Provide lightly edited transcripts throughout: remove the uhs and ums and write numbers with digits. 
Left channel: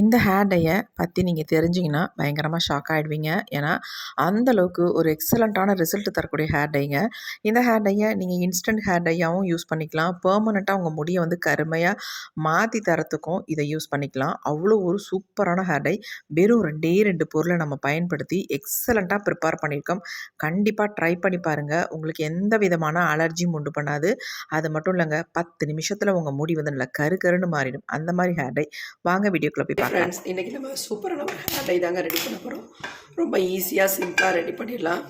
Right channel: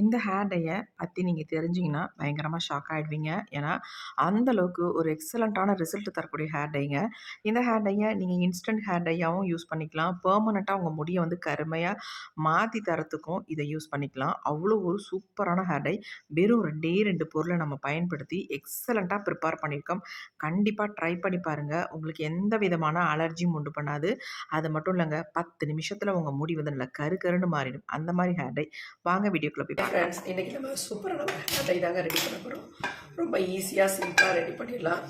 இந்த ஹேர் டைய பத்தி நீங்க தெரிஞ்சீங்கன்னா, பயங்கரமா ஷாக் ஆயிடுவீங்க. ஏன்னா, அந்த அளவுக்கு ஒரு எக்ஸலன்ட்டான ரிசல்ட் தரக்கூடிய ஹேர் டைங்க. இந்த ஹேர் டைய நீங்க இன்ஸ்டன்ட் ஹேர் டையாவும் யூஸ் பண்ணிக்கலாம். பெர்மனன்ட்டா உங்க முடிய வந்து கருமையா மாத்தி தரத்துக்கும் இத யூஸ் பண்ணிக்கலாம். அவ்வளோ ஒரு சூப்பரான ஹேர் டை. வெறும் 2டே 2 பொருள நம்ம பயன்படுத்தி எக்ஸலன்ட்டா ப்ரிப்பேர் பண்ணியிருக்கோம். கண்டிப்பா ட்ரை பண்ணி பாருங்க. உங்களுக்கு எந்த விதமான அலர்ஜியும் உண்டு பண்ணாது. அது மட்டும் இல்லங்க, 10 நிமிஷத்துல உங்க முடி வந்து நல்லா கரு கருன்னு மாறிடும். அந்த மாரி ஹேர் டை. வாங்க வீடியோக்குள்ள போய் பார்க்கலாம். ஃப்ரெண்ட்ஸ், இன்றைக்கி நம்ம சூப்பரான ஒரு ஹேர் டை தாங்க ரெடி பண்ண போகிறோம். ரொம்ப ஈஸியாக சிம்பிளாக ரெடி பண்ணிடலாம்.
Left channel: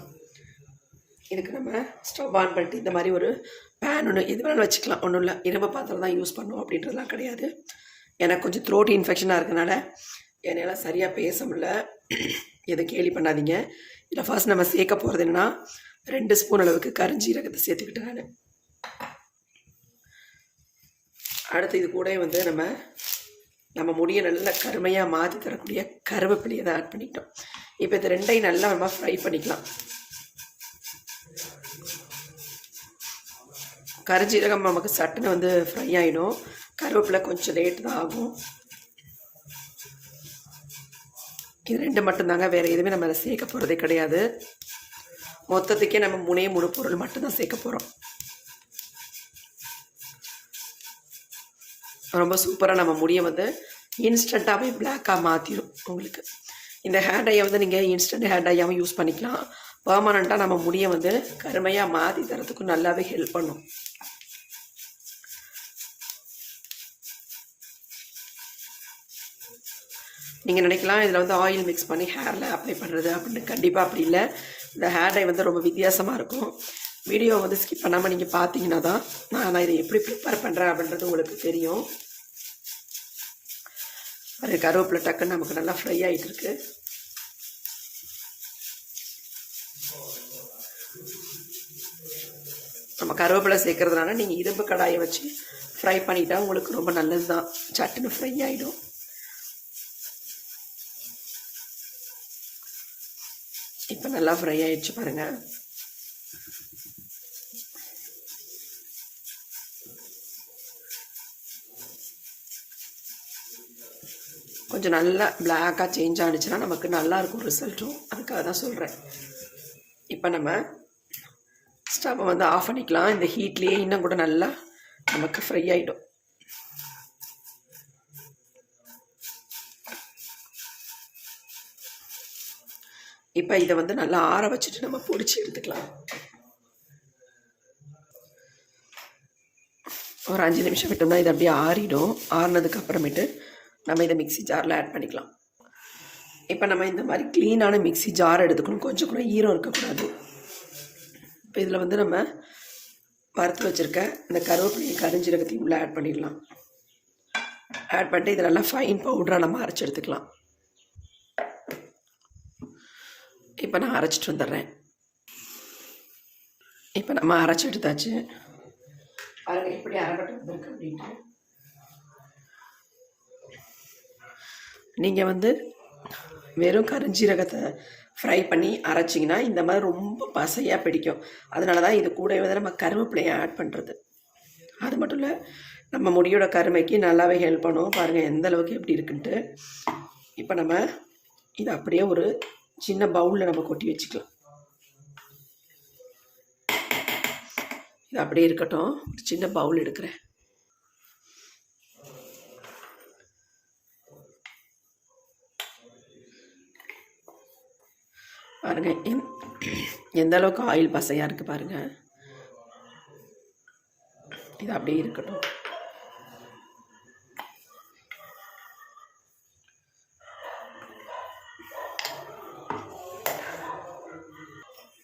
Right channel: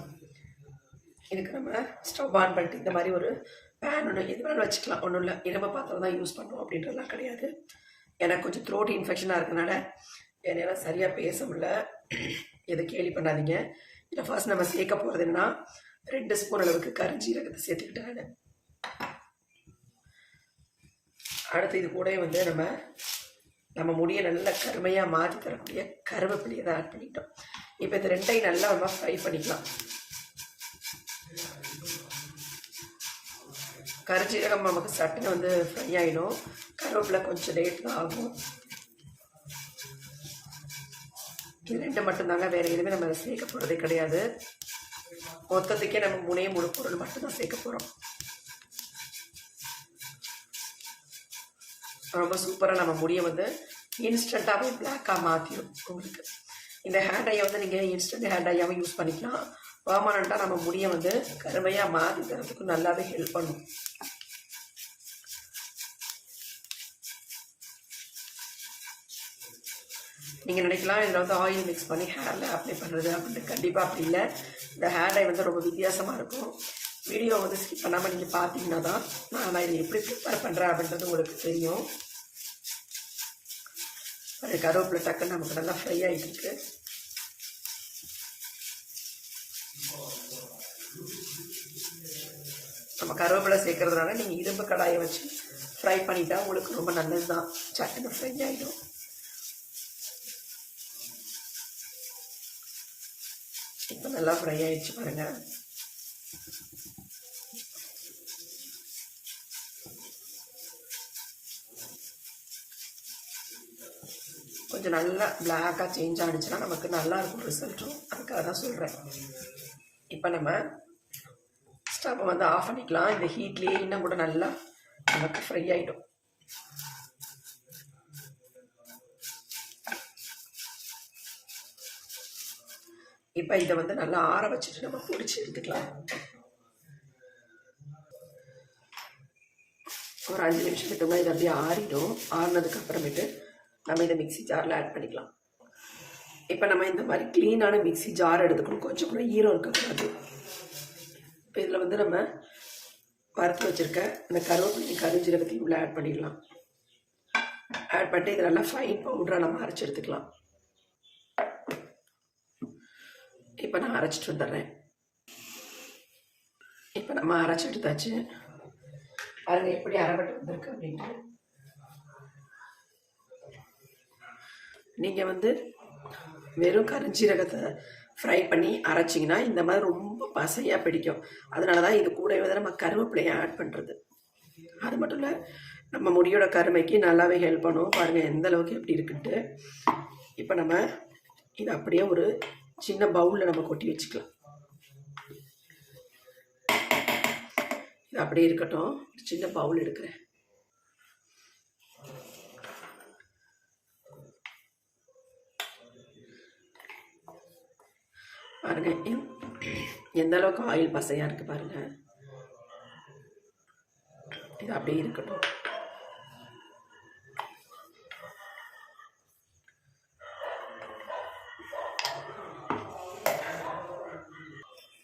இதுக்கு நம்ம ஸ்டவ் ஆன் பண்ணிட்டு இந்த மாதிரி ஒரு பேன் ஒன்று இது வேணாலும் வச்சுக்கலாம். ஒன்றும் இல்லை, இரும்பு பாத்திரம் தான் யூஸ் பண்ணுவோம் அப்படின்றதுலாம் கிடையாது. எனக்கு கொஞ்சம் த்ரோட் இன்ஃபெக்ஷனாக இருக்கனால என்னால் சரியாக பேச முடியல. எதை கேலி பண்ணாதீங்க. இதில் ஃபர்ஸ்ட் நம்ம சேர்க்க போகிறது என்னென்னா 2 ஸ்பூன் அளவுக்கு கரிஞ்சீரகத்தை சேர்த்துக்கிட்டேன் நான். அடுத்து இது கூட வந்து நம்ம முடியை நல்லா கருமையாக மாற்றி தரக்கூடிய கருவேப்பிலையை தான் ஆட் பண்ணிட்டோம். இப்போ இது ரெண்டையும் நல்லா நம்ம ஃப்ரை பண்ணிக்கலாம். கரிஞ்சீரகம் நமக்கு சட்டுன்னு வந்து ஃப்ரை ஆகிடும். கருவேப்பிலை கொஞ்சம் லேட் தான் ஆகும். இது 2 மட்டும்தாங்க, வேறு எதுவுமே நம்ம அதை சேர்க்க போகிறதே கிடையாது. மொத்தத்துக்கே நம்ம 3 பொருள் மட்டும்தான் சேர்க்க போகிறோம். ரொம்ப சூப்பராக நம்ம முடியை வந்து இன்ஸ்டண்ட்டாகவே பிளாக்காக மாற்றிடும் உங்களுக்கு. இந்த ஹேர் டையை வந்து நீங்கள் இன்ஸ்டன்ட் ஹேர் டையாகவும் யூஸ் பண்ணிக்கலாம். பெர்மனண்ட்டாக நம்ம முடியை வந்து கருமையாக மாற்றி தரத்துக்கும் நல்லாவே ஹெல்ப் பண்ணும். நீங்கள் நினைக்கலாம் இதில் வந்து ஆயில் மிக்ஸ் பண்ணி ஹேரில் அப்ளை பண்ணுறது அப்படின்னு. கண்டிப்பாக அப்படி இல்லை. இந்த ஹேர் டை வந்து ரொம்ப வித்தியாசமாக இருக்கும். வீடியோ வந்து ஸ்கிப் பண்ணாமல் நீங்கள் பார்த்தீங்கன்னா தான் நான் இதை எப்படி ப்ரிப்பேர் பண்ணுறேன் அப்படின்றது உங்களுக்கு தெரியும். அது கருவேப்பிலை டக்குன்னு நமக்கு நல்லா ஃப்ரை ஆகிட்டு இருக்கு. நம்ம கருவேப்பிலை சேர்க்கறதுனால நீங்கள் இரும்பு கடாயை வச்சு ஃப்ரை பண்ணிட்டா உங்களுக்கு ரொம்ப நல்லது தான். சட்டுன்னு ஃப்ரை ஆகிடும். இப்போ நல்லா ஃப்ரை ஆகிடுச்சு பாருங்கள். கொஞ்சம் நல்லா பிளாக்காக சேஞ்ச் ஆகிடுச்சுன்னா நமக்கு நல்லாயிருக்கும் ரிசல்ட்டும். அதுக்காக தான் சொல்கிறேன். இப்போ நம்ம ஸ்டவ்வை வந்து ஆஃப் பண்ணிக்கலாம். இந்த ஹீட்லேயே இன்னும் கூட நல்லா நமக்கு ஃப்ரை ஆகிடும். இப்போ இதை வந்து நல்லா ஆற வச்சுட்டு நம்ம பொடிச்சு எடுத்துக்கலாம். ஒரு 5 நிமிஷம் விட்டோம்னா இது அப்படியே ஆறிடும். ஆறினதுக்கு அப்புறமேட்டு நம்ம இதை மிக்ஸி ஜாரில் ஆட் பண்ணிக்கலாம். இப்போ நம்ம இந்த மாதிரி க்ளீனான மிக்ஸி ஜார் எடுத்துக்கணும். கொஞ்சம் கூட ஈரம் இருக்கக்கூடாது. இப்போ இதில் வந்து நம்ம வறுத்து வச்சுருக்க இந்த கருவேப்பிலையும் கரிஞ்சீரகத்தையும் உள்ளே ஆட் பண்ணிடலாம். ஆட் பண்ணிட்டு இதை நல்லா ஃபைன் பவுடராக நம்ம அரைச்சி எடுத்துக்கலாம். இப்போ நான் அரைச்சிட்டு வந்துடுறேன். இப்போ நம்ம அரைச்சி எடுத்தாச்சு. பாருங்கள் எப்படி அரைப்பட்டு வந்திருக்கு அப்படின்ட்டு. நீங்கள் வந்து வெறும் கரிஞ்சீரகத்தை ஃப்ரை பண்ணி அரைச்சிங்கன்னா இந்த மாதிரி ரொம்ப பசையாக பிடிக்கும். அதனால தான் இது கூட வந்து நம்ம கருவேப்பிலையை ஆட் பண்ணுறது. அது மட்டும் இல்லை, நம்ம முடியோட கருமைக்கு நல்லாவே ஹெல்ப் பண்ணும். பாருங்கள் எந்த அளவுக்கு எப்படி இருக்குன்ட்டு. இப்போ நம்ம இதை அப்படியே ஒரு சின்ன பவுலில் நம்ம கொட்டி வச்சுக்கலாம். இது அப்படியே இருக்கட்டும். ஒரு சின்ன பவுல் எடுக்கிறேன். பாருங்க எந்த அளவுக்கு ஆயில் பசையாக இருக்குது பாருங்கள். இது அப்படியே இருக்கட்டும்.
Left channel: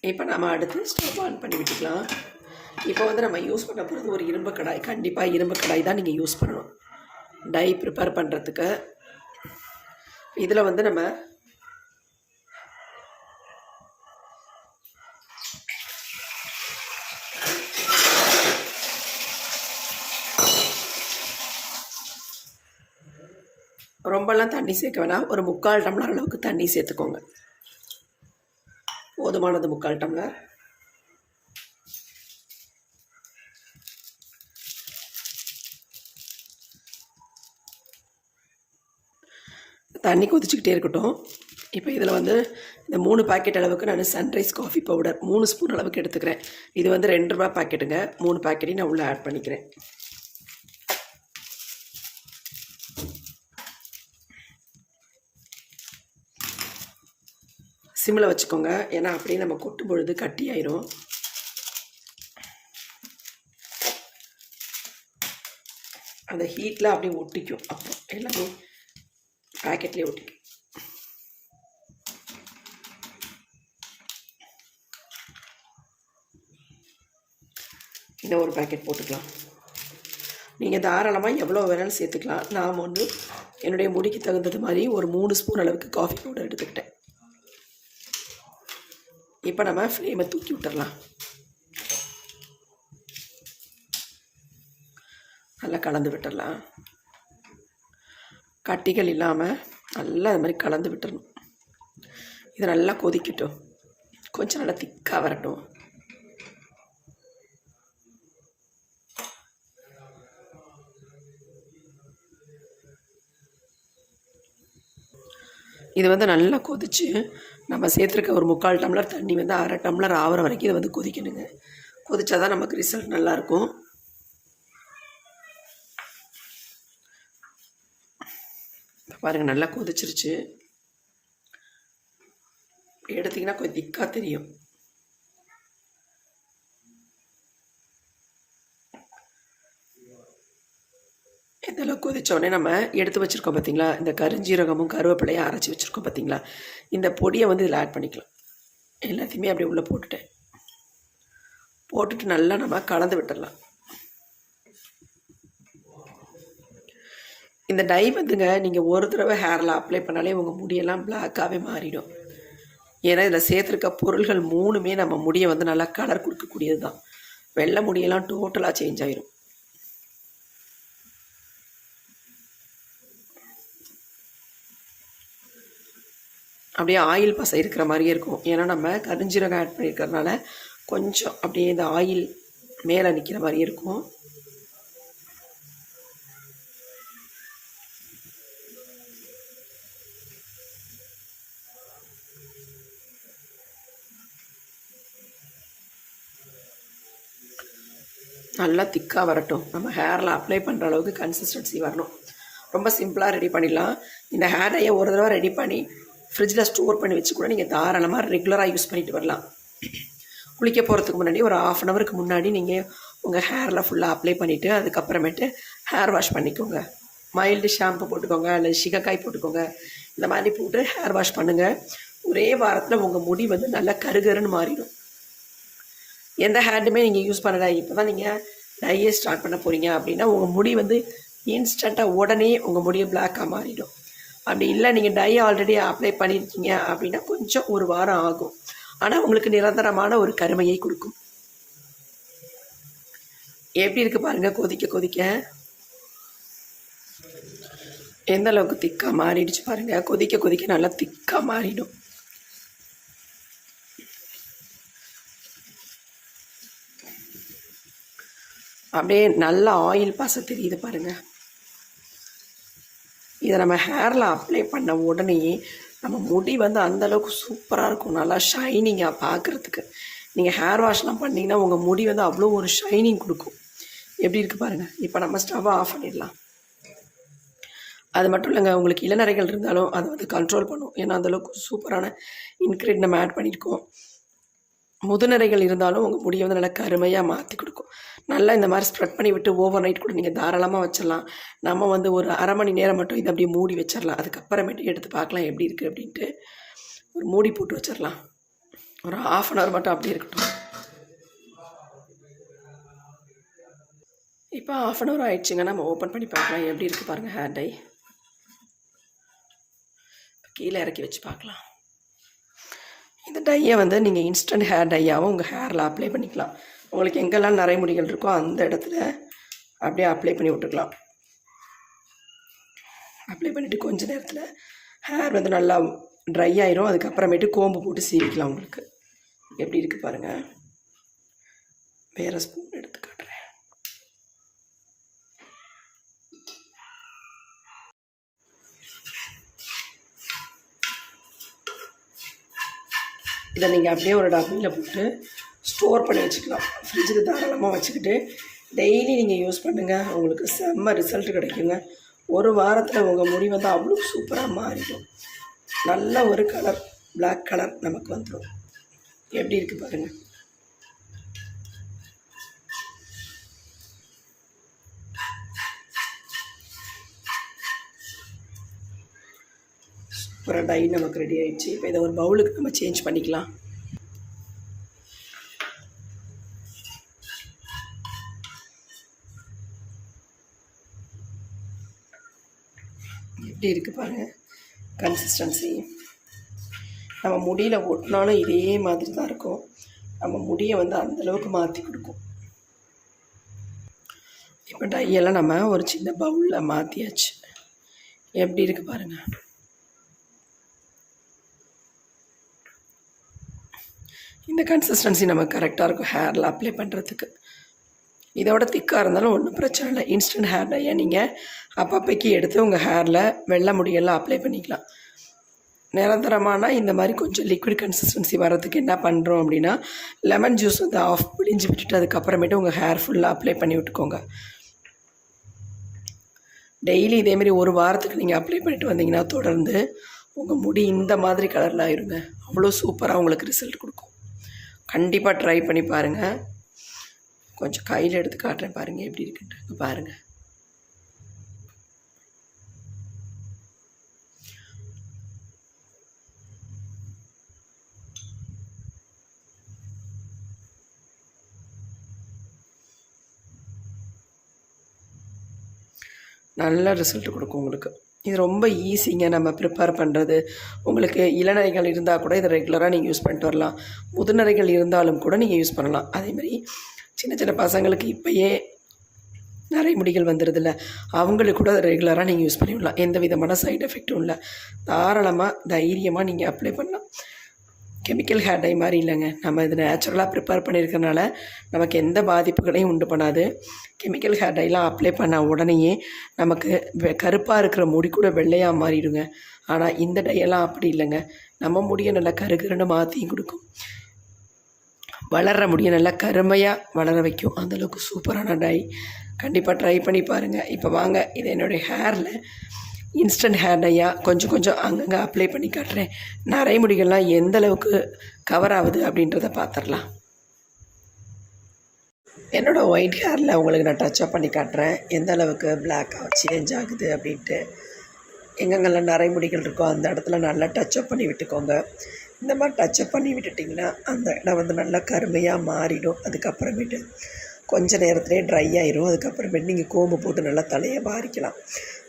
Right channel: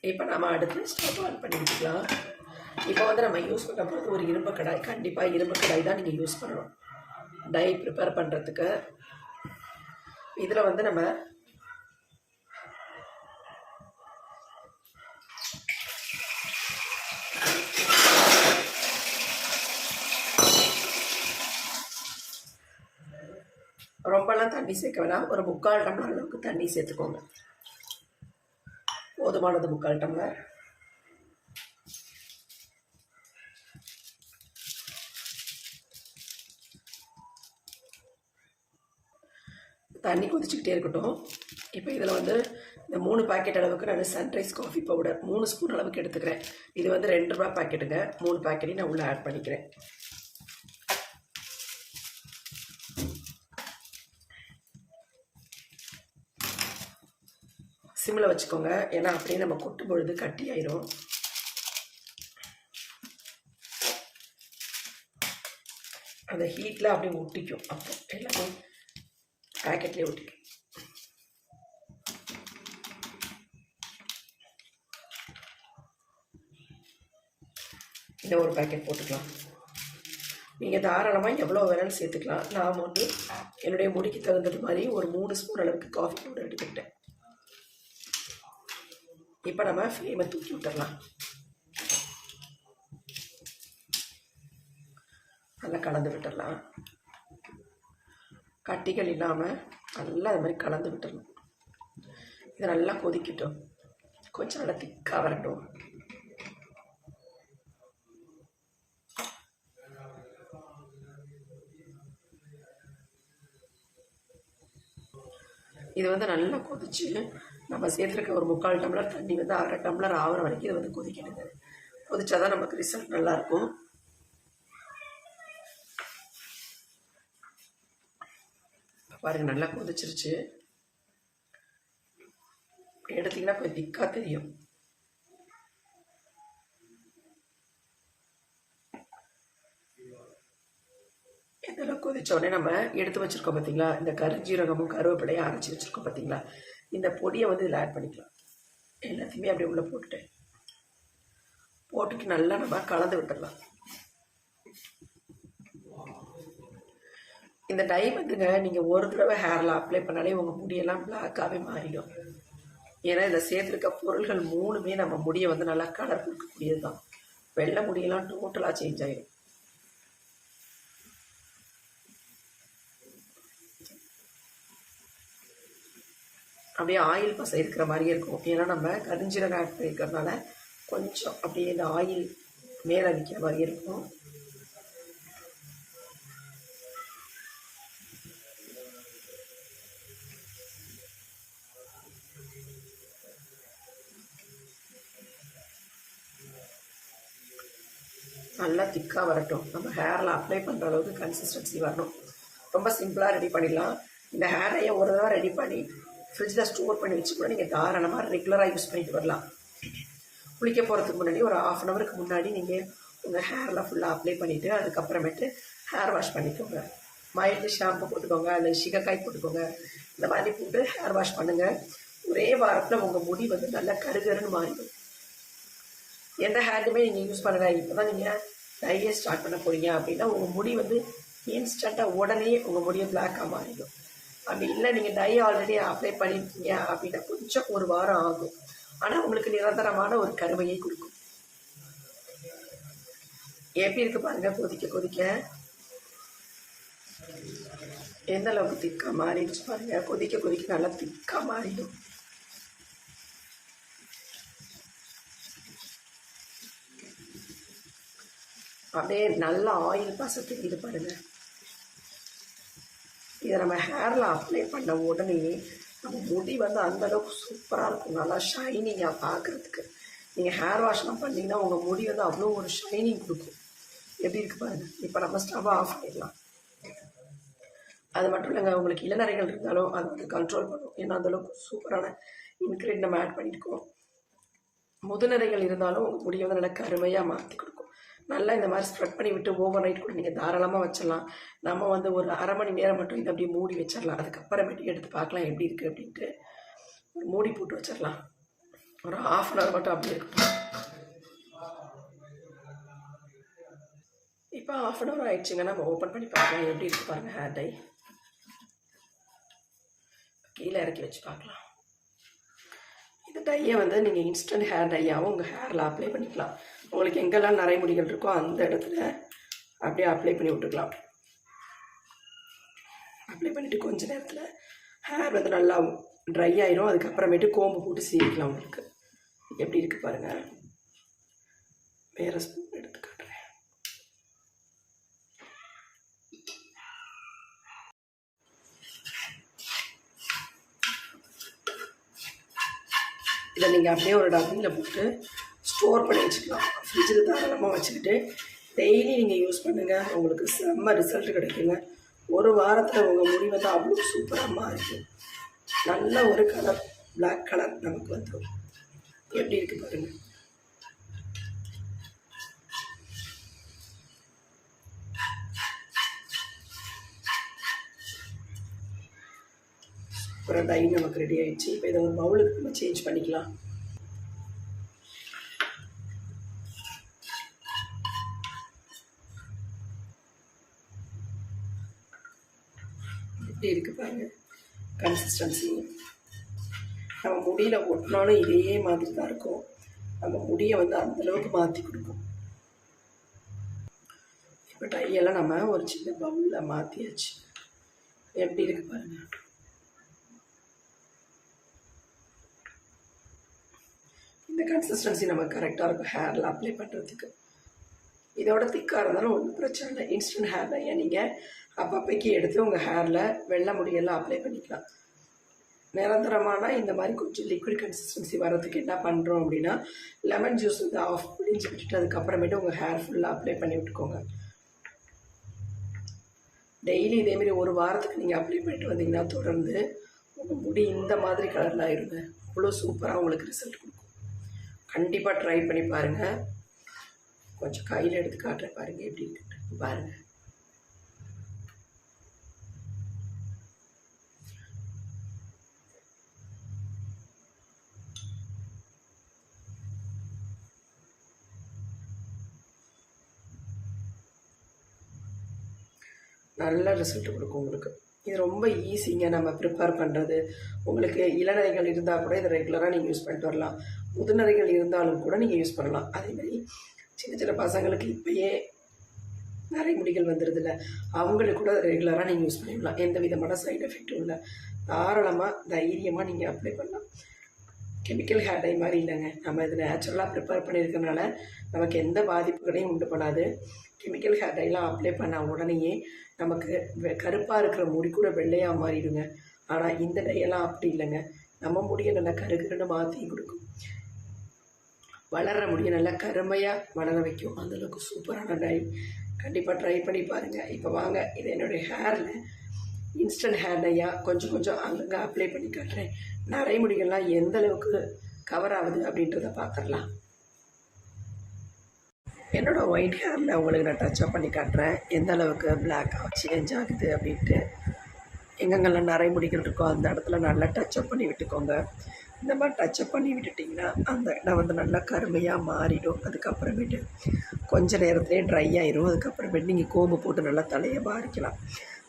இப்போ நம்ம அடுத்து ஸ்டவ் ஆன் பண்ணி விட்டுக்கலாம். இப்போ வந்து நம்ம யூஸ் பண்ண போகிறது ஒரு இரும்பு கடாய். கண்டிப்பாக இரும்பு கடாய் தான் நீங்கள் யூஸ் பண்ணணும் டை ப்ரிப்பேர் பண்ணுறதுக்கு. இதில் வந்து நம்ம ரொம்பலாம் தண்ணி சேர்க்க வேணாம். ஒரு 3/4 டம்ளர் அளவுக்கு தண்ணி சேர்த்துக்கோங்க. போதுமானது 3/4 டம்ளர். தண்ணி கொதிச்சுக்கிட்டே இருக்கட்டும். இப்போ இதில் வந்து இந்த 3 பாக்கெட் அளவுக்கு நான் சன்ரைஸ் காஃபி பவுடர் 3 ஸ்பூன் அளவுக்கு எடுத்துக்கிறேன். இது வந்து ₹2 பாக்கெட்டுங்க. 3 பாக்கெட்டையும் நான் உள்ளே ஆட் பண்ணிக்கிறேன். சிம்மில் வச்சுக்கோங்க, ஏன்னா அப்படியே நம்ம கொட்டும் பொழுது கட்டி ஆயிரும். அந்த ஹீட்டில் அப்படியே ஒட்டிக்கும். அப்புறம் எல்லாமே பேக்கெட்லேயே ஒட்டிக்கும். இன்னும் ஒரு பேக்கெட் போட்டுக்கலாம். நீங்கள் தாராளமாக எவ்வளோ வேணாலும் சேர்த்துக்கலாம். நான் வந்து என்னுடைய முடிக்கு தகுந்தது மாதிரி ஒரு 3 ஸ்பூன் அளவுக்கு காஃபி பவுடர் எடுத்துக்கிட்டேன். இப்போ நம்ம ஃப்ளேமை தூக்கி விட்டுடலாம். நல்லா கலந்து விட்டுடலாம். கட்டிகள் இல்லாமல் நல்லா அது மாதிரி கலந்து விட்டுறணும். இது நல்லா கொதிக்கட்டும், கொஞ்சம் நல்லா திக்காக வரட்டும். இது வந்து நல்லா கொதிச்சு நம்ம சேர்த்துருக்க ஒரு 3/4 டம்ளர் தண்ணி வந்து 1/2 டம்ளர் ஆகிற வரைக்கும் இதை வந்து கொதிக்கணுங்க. கொதிச்சா தான் நமக்கு ரிசல்ட் நல்லாயிருக்கும். பாருங்கள், நல்லா கொதிச்சிருச்சு. எடுத்திங்கன்னா கொஞ்சம் திக்காக தெரியும். இதெல்லாம் கொதிச்ச உடனே நம்ம எடுத்து வச்சுருக்கோம் பார்த்தீங்களா, இந்த கருஞ்சீரகமும் கருவேப்பிலையும் அரைச்சி வச்சுருக்கோம் பார்த்தீங்களா, இந்த பொடியை வந்து இதில் ஆட் பண்ணிக்கலாம். எல்லாத்தையுமே அப்படியே உள்ளே போட்டுட்டு நல்லா நம்ம கலந்து விட்டுடலாம். இந்த டை வந்துங்க நீங்கள் ஒரு தடவை ஹேரில் அப்ளை பண்ணாலே உங்கள் முடியெல்லாம் பிளாக்காகவே மாறிடும். ஏன்னா இதில் சேர்த்துருக்க பொருள்கள் 3மே நம்ம முடியை வந்து நல்லா கலர் கொடுக்கக்கூடியது தான். வெள்ளை முடியெல்லாம் டோட்டலாக சேஞ்ச் ஆயிடும். அப்படியே ஆயில் பசை இருக்கிற மாதிரியே இருக்கும். ஏன்னா நம்ம கருஞ்சீரகம் ஆட் பண்ணியிருக்கிறதுனால கொஞ்சம் அப்படியே இந்த ஆயில் மேலே நிற்கிற மாதிரியே இருக்கும். நல்லா திக்காக வரட்டும். நம்ம ஹேரில் அப்ளை பண்ணுற அளவுக்கு கன்சிஸ்டன்சி வரணும். ரொம்ப சிம்பிளாக ரெடி பண்ணிடலாம். இந்த ஹேர் டையை ஒரு தடவை ரெடி பண்ணி ஃப்ரிட்ஜில் ஸ்டோர் பண்ணி வச்சு கூட நீங்கள் தாராளமாக ரெகுலராக யூஸ் பண்ணிட்டு வரலாம். குளிக்க போகிறதுக்கு முன்னாடி ஒரு 1/2 அன் ஹவருக்கு முன்னாடி நீங்கள் உங்கள் ஹேரில் ஃபுல்லாக அப்ளை பண்ணிவிட்டு அதுக்கப்புறமேட்டு ஹேர் வாஷ் பண்ணிக்கோங்க. மைல்டு ஷாம்பு போட்டுக்கோங்க, இல்லை சிகக்காய் போட்டுக்கோங்க. இந்த மாதிரி போட்டு ஹேர் வாஷ் பண்ணுங்கள். ஒரே வாரத்தில் உங்கள் முடி வந்து நல்லா கருகருன்னு மாறிடும். எந்த ஹேண்டுமே நீங்கள் யூஸ் பண்ணலை, இப்போ தான் நீங்கள் டையே ஸ்டார்ட் பண்ண போகிறீங்க அப்படின்னா உங்கள் முடி வந்து இன்ஸ்டண்ட்டாக உடனே உங்கள் முடியை பிளாக்காக மாறிடும். அப்படி இல்லை, நீங்கள் டை ஆல்ரெடி அப்ளை பண்ணியிருக்கீங்க அப்படின்னா கொஞ்சம் ஒரு வாரம் ஆகும். ஆனால் உங்களுக்கு நிரந்தரமான ஒரு கருமையை கொடுக்கும். எப்படி இருக்குது பாருங்கள், கொதிக்க கொதிக்க எந்த அளவுக்கு திக்காக மாறிடுச்சு பாருங்கள். கொதிக்க கொதிக்க நல்லா திக்காக மாறிடும். அப்படியே நல்ல ஆயில் பசை தெரியுது பாருங்கள். இதை நம்ம ஹேரில் அப்ளை பண்ண உடனே நம்ம முடி வந்து அந்தளவுக்கு சூப்பராக இருக்கும், நல்லா ஷைனிங்காக பார்க்குறதுக்கு. நீங்கள் ஹேர் வாஷ்லாம் பண்ணிங்கன்னா உங்கள் முடி வந்து அவ்வளோ ஒரு ஷைனிங் கொடுக்கும். எப்படி இருக்குது பாருங்கள். இப்போ நம்ம ஸ்டவ்வை ஆஃப் பண்ணிடலாம். அது மட்டும் இல்லைங்க, உங்களுக்கு இளநரைகள் இருந்தாலும் அதை வந்து கண்ட்ரோல் பண்ணும். ஏன்னா அந்தளவுக்கு சூப்பரான இன்க்ரீடியன்ட் நம்ம ஆட் பண்ணியிருக்கோம். முதுநரைகள் இருந்தாலும் உங்கள் முடியை வந்து நல்லா கருமையாக மாற்றி கொடுக்கும். நல்லா இந்த மாதிரி ஸ்ப்ரெட் பண்ணி விட்டு ஓவர் நைட் கூட நீங்கள் தாராளமாக வச்சிடலாம். நம்ம வந்து ஒரு 1/2 மணி நேரம் மட்டும் இதை அப்படியே மூடி வச்சிடலாம். அதுக்கப்புறமேட்டு எடுத்து பார்க்கலாம் எப்படி இருக்குது அப்படின்ட்டு. ஒரு மூடி போட்டு வச்சிடலாம். ஒரு 1/2 அன் ஹவர் மட்டும் அப்படியே இருக்கட்டும். இப்போ 1/2 அன் ஹவர் ஆயிடுச்சுங்க. நம்ம ஓப்பன் பண்ணி பார்க்கலாம் எப்படி இருக்குது பாருங்கள் ஹேர் டை. கீழே இறக்கி வச்சு பார்க்கலாம். இந்த டையை வந்து நீங்கள் இன்ஸ்டன்ட் ஹேர் டையாகவும் உங்கள் ஹேரில் அப்ளை பண்ணிக்கலாம். உங்களுக்கு எங்கெல்லாம் நரைமுடிகள் இருக்கோ அந்த இடத்துல அப்படியே அப்ளை பண்ணி விட்டுக்கலாம். அப்ளை பண்ணிவிட்டு கொஞ்ச நேரத்தில் ஹேர் வந்து நல்லா ட்ரை ஆயிரும். அதுக்கப்புறமேட்டு கோம்பு போட்டு சீவிக்கலாம். உங்களுக்கு எப்படி இருக்குது பாருங்கள். வேறு ஸ்பூன் எடுத்து காட்டுறேன். இதை நீங்கள் அப்படியே ஒரு டப்பியில் போட்டு ஸ்டோர் பண்ணி வச்சுக்கலாம். ஃப்ரிட்ஜில் தாராளமாக வச்சுக்கிட்டு டெய்லி நீங்கள் யூஸ் பண்ணுங்கள். உங்களுக்கு செம்ம ரிசல்ட் கிடைக்குங்க. ஒரு வாரத்தில் உங்கள் முடி வந்து அவ்வளோ சூப்பராக மாறிடும். நல்ல ஒரு கலர், பிளாக் கலர் நமக்கு வந்துடும். எப்படி இருக்குது பாருங்கள். ஒரு டை நமக்கு ரெடி ஆகிடுச்சு. இப்போ இதை ஒரு பவுலுக்கு நம்ம சேஞ்ச் பண்ணிக்கலாம். எப்படி இருக்குது பாருங்கள் கன்சிஸ்டன்சி. நம்ம முடியில் ஒட்டினாலும் இதே மாதிரி தான் இருக்கும். நம்ம முடியை வந்து அந்தளவுக்கு மாற்றி கொடுக்கும். இப்போ டையெல்லாம் நம்ம ஒரு சின்ன பவுலில் மாற்றியாச்சு. எப்படி இருக்குது பாருங்கள். இந்த கன்சிஸ்டன்சி நமக்கு கரெக்டாக இருக்கும் ஹேரில் அப்ளை பண்ணுறதுக்கு. இதோட திக்காக இருந்தாலும் ஒன்றும் பிரச்சனை இல்லை. இன்ஸ்டன்ட் ஹேர் டையை நீங்கள் அப்பப்போக்கி எடுத்து உங்கள் ஹேரில் வெள்ளை முடியெல்லாம் அப்ளை பண்ணிக்கலாம். நிரந்தரமான இந்த மாதிரி கொஞ்சம் லிக்விட் கன்சிஸ்டன்சி வர்றதுக்கு என்ன பண்ணுறோம் அப்படின்னா, லெமன் ஜூஸ் வந்து ஆஃப் பிழிஞ்சு விட்டுட்டு அதுக்கப்புறமேட்டு உங்கள் ஹேர் ஃபுல்லாக அப்ளை பண்ணி விட்டுக்கோங்க. டெய்லி இதேமாரி ஒரு வாரத்துக்கு நீங்கள் அப்ளை பண்ணிட்டு வந்தீங்கன்னா தொடர்ந்து உங்கள் முடி இந்த மாதிரி கலரில் ஆயிருங்க. அவ்வளோ சூப்பராக உங்களுக்கு ரிசல்ட் கொடுக்கும். கண்டிப்பாக ட்ரை பண்ணி பாருங்கள். கொஞ்சம் கையில் எடுத்து காட்டுறேன் பாருங்கள் எப்படி இருக்குன்ட்டு. பாருங்கள் நல்ல ரிசல்ட் கொடுக்கும் உங்களுக்கு. இது ரொம்ப ஈஸிங்க நம்ம ப்ரிப்பேர் பண்ணுறது. உங்களுக்கு இளநரைகள் இருந்தால் கூட இதை ரெகுலராக நீங்கள் யூஸ் பண்ணிட்டு வரலாம். முதுநரைகள் இருந்தாலும் கூட நீங்கள் யூஸ் பண்ணலாம். அதேமாதிரி சின்ன சின்ன பசங்களுக்கு இப்போயே நிறைய முடிகள் வந்துடுதில்ல, அவங்களுக்கு கூட ரெகுலராக நீங்கள் யூஸ் பண்ணிவிடலாம். எந்த விதமான சைடு எஃபெக்ட்டும் இல்லை. தாராளமாக தைரியமாக நீங்கள் அப்ளை பண்ணலாம். கெமிக்கல் ஹேர் டை மாதிரி இல்லைங்க. நம்ம இது நேச்சுரலாக ப்ரிப்பேர் பண்ணியிருக்கனால நமக்கு எந்த பாதிப்புகளையும் உண்டு பண்ணாது. கெமிக்கல் ஹேர் டைலாம் அப்ளை பண்ண உடனேயே நமக்கு கருப்பாக இருக்கிற முடி கூட வெள்ளையாக மாறிடுங்க. ஆனால் இந்த டையெல்லாம் அப்படி இல்லைங்க. நம்ம முடியை நல்லா கருகருன்னு மாற்றியும் கொடுக்கும். வளர்கிற முடியை நல்லா கருமையாக வளர வைக்கும். அந்தளவுக்கு சூப்பரான டை. கண்டிப்பாக ட்ரை பண்ணி பாருங்கள். இப்போ வாங்க இது என்னுடைய ஹேரில் இன்ஸ்டன்ட் ஹேர் டையாக கொஞ்சம் கொஞ்சம் அங்கங்கே அப்ளை பண்ணி காட்டுறேன். நிறைய முடிகள்லாம் எந்த அளவுக்கு கவர் ஆகுது அப்படின்றத பார்த்துடலாம். என்னோடய ஒயிட் ஹேரில் உங்களுக்கு நான் டச்சப் பண்ணி காட்டுறேன் எந்த அளவுக்கு பிளாக்காக சேஞ்ச் ஆகுது அப்படின்ட்டு. எங்கெங்கெல்லாம் நிறைய முடிகள் இருக்கோ அந்த இடத்துல நல்லா டச்சப் பண்ணி விட்டுக்கோங்க. இந்த மாதிரி டச்சப் பண்ணி விட்டுட்டிங்கன்னா அந்த இடம் வந்து நல்லா கருமையாக மாறிடும். அதுக்கப்புறமேட்டு கொஞ்சம் நேரத்துலேயே ட்ரை ஆயிரும். அதுக்கப்புறமேட்டு நீங்கள் கோம்பு போட்டு நல்லா தலையை வாரிக்கலாம்.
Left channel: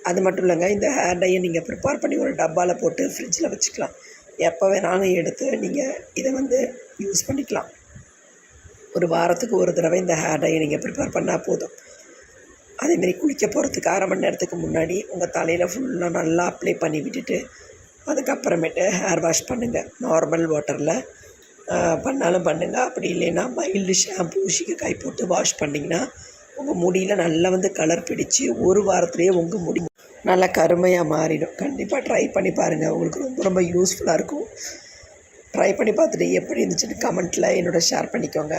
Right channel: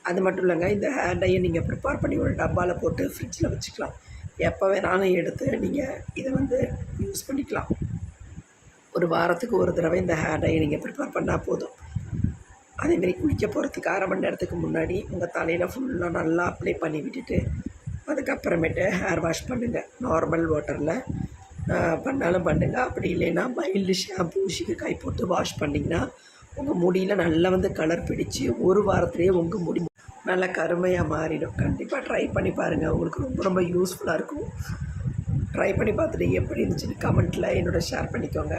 அது மட்டும் இல்லைங்க, இந்த ஹேர் டையை நீங்கள் ப்ரிப்பேர் பண்ணி ஒரு டப்பாவில் போட்டு ஃப்ரிட்ஜில் வச்சுக்கலாம். எப்போ வேணாலும் எடுத்து நீங்கள் இதை வந்து யூஸ் பண்ணிக்கலாம். ஒரு வாரத்துக்கு ஒரு தடவை இந்த ஹேர் டையை நீங்கள் ப்ரிப்பேர் பண்ணால் போதும். அதேமாரி குளிக்க போகிறதுக்கு 1/2 மணி நேரத்துக்கு முன்னாடி உங்கள் தலையில் ஃபுல்லாக நல்லா அப்ளை பண்ணி விட்டுட்டு அதுக்கப்புறமேட்டு ஹேர் வாஷ் பண்ணுங்கள். நார்மல் வாட்டரில் பண்ணாலும் பண்ணுங்கள். அப்படி இல்லைன்னா மைல்டு ஷாம்பு சீக்காய் போட்டு வாஷ் பண்ணிங்கன்னா உங்கள் முடியில் நல்லா வந்து கலர் பிடிச்சி ஒரு வாரத்துலேயே உங்கள் முடி நல்லா கருமையாக மாறிடும். கண்டிப்பாக ட்ரை பண்ணி பாருங்கள். உங்களுக்கு ரொம்ப ரொம்ப யூஸ்ஃபுல்லாக இருக்கும். ட்ரை பண்ணி பார்த்துட்டு எப்படி இருந்துச்சுன்னு கமெண்ட்டில் என்னோட ஷேர் பண்ணிக்கோங்க.